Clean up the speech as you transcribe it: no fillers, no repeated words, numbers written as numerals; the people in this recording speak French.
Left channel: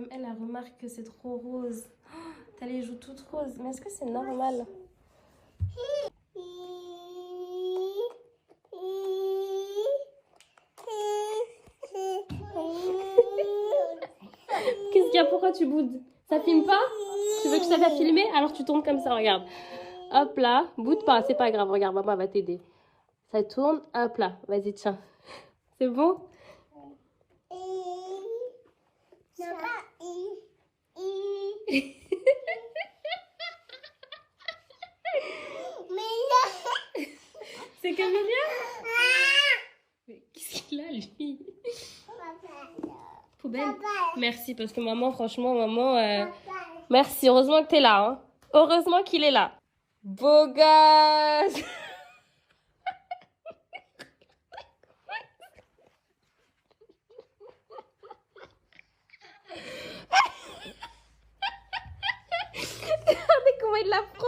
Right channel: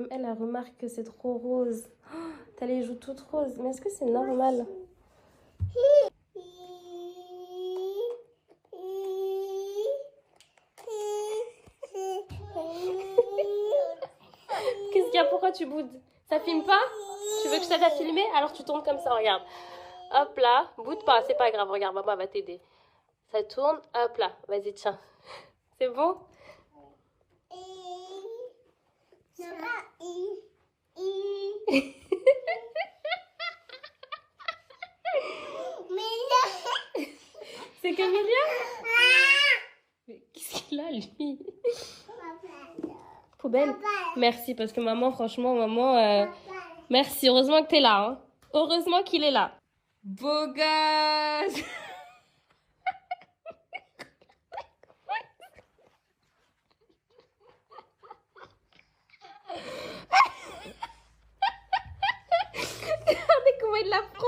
Même elle, elle remarque que c'est trop rose. Oh, t'as les joues toutes roses. Mais est-ce que c'est normal? Qu'est-ce qu'il y a? Pourquoi tu boudes? Ça filme pas? Tu veux que je t'aide à filmer? Alors tu tournes comme ça, regarde. Hop là, boude pas, c'est pas grave, regarde, maman va t'aider. Ça tourne, hop là, vas-y, tiens. C'est bon? C'est comme Mignon? Mais qu'est-ce qu'il a, lui? Poubelle? Merci, parce que maman, franchement, maman... Merci, heureusement que t'es là. Hein. Heureusement qu'il est là. Beau gosse. Regardez comment il la prend.